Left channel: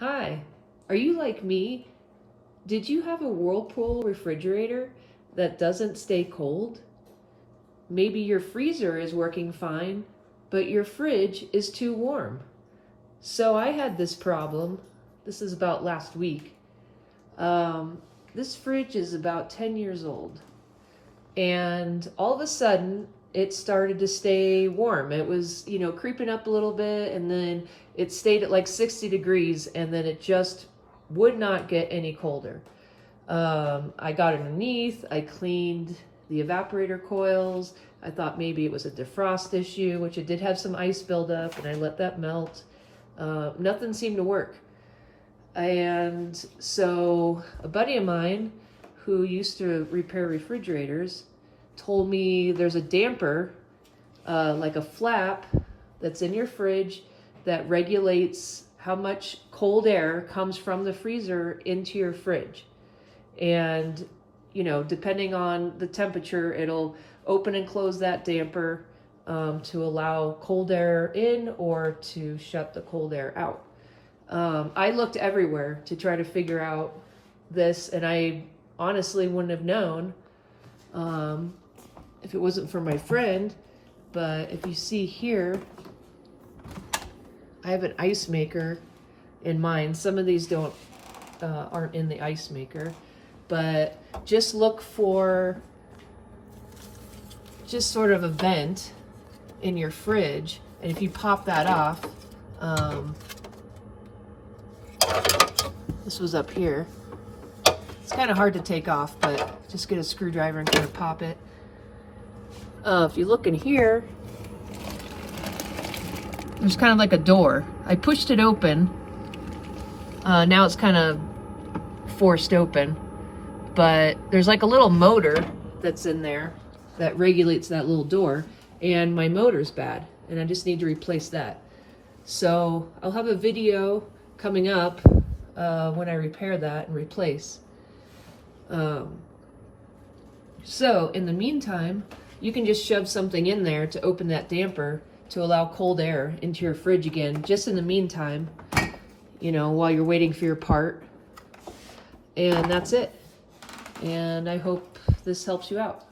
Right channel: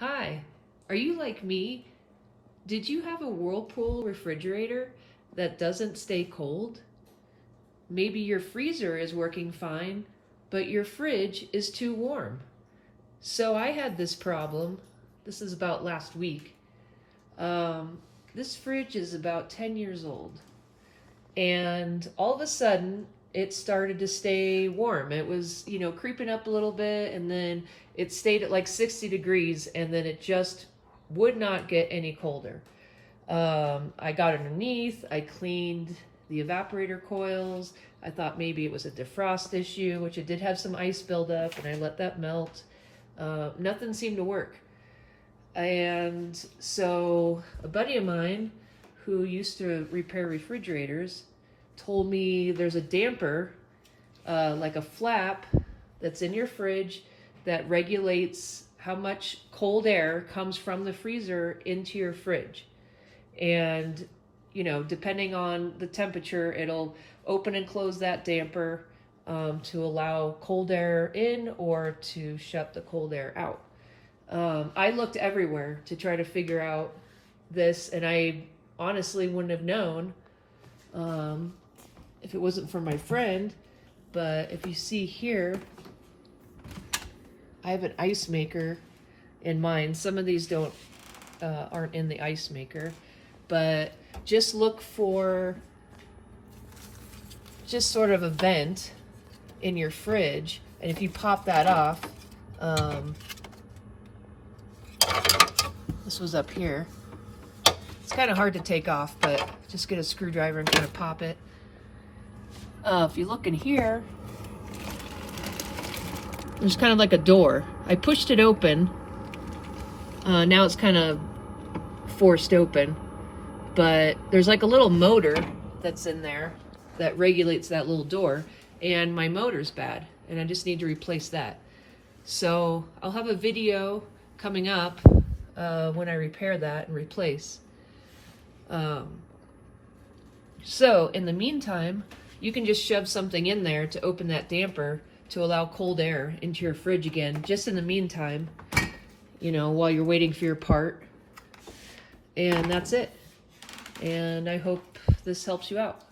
Hi, are you like me? Did you have a Whirlpool refrigerator that doesn't stay cold? Maybe your freezer is working fine, but your fridge is too warm. So I had this problem. This is about last week. This fridge is about 10 years old. And all of a sudden, it started to stay warm. It was, creeping up a little bit, and then it stayed at like 60 degrees, and then it just would not get any colder. I got underneath, I cleaned the evaporator coils. I thought maybe it was a defrost issue, which it did have some ice buildup, and I let that melt. Nothing seemed to work. And so a buddy of mine who used to repair refrigerators told me there's a damper, like a flap that's in your fridge that regulates how much cold air comes from the freezer into your fridge. And, depending on the temperature, it'll open and close that damper to allow cold air in or to shut the cold air out. I looked everywhere to try to figure out this, and I honestly wouldn't have known if it wasn't for my friend. But if you see here, I have an ice maker in mine. Some of these aren't in the ice maker, but just look for just sort of a vent in your fridge, and if you pop that off, this was up here. It's kind of hard to take off, but just get a screwdriver and kind of pop it. If you look in here, there's kind of like a door. I pushed it open. Now it's kind of forced open, but there's like a little motor that's in there that regulates that little door, and my motor's bad, and I just need to replace that. So I'll have a video coming up when I repair that and replace. So in the meantime, you can just shove something in there to open that damper to allow cold air into your fridge again, just in the meantime, while you're waiting for your part. And that's it. And I hope this helps you out.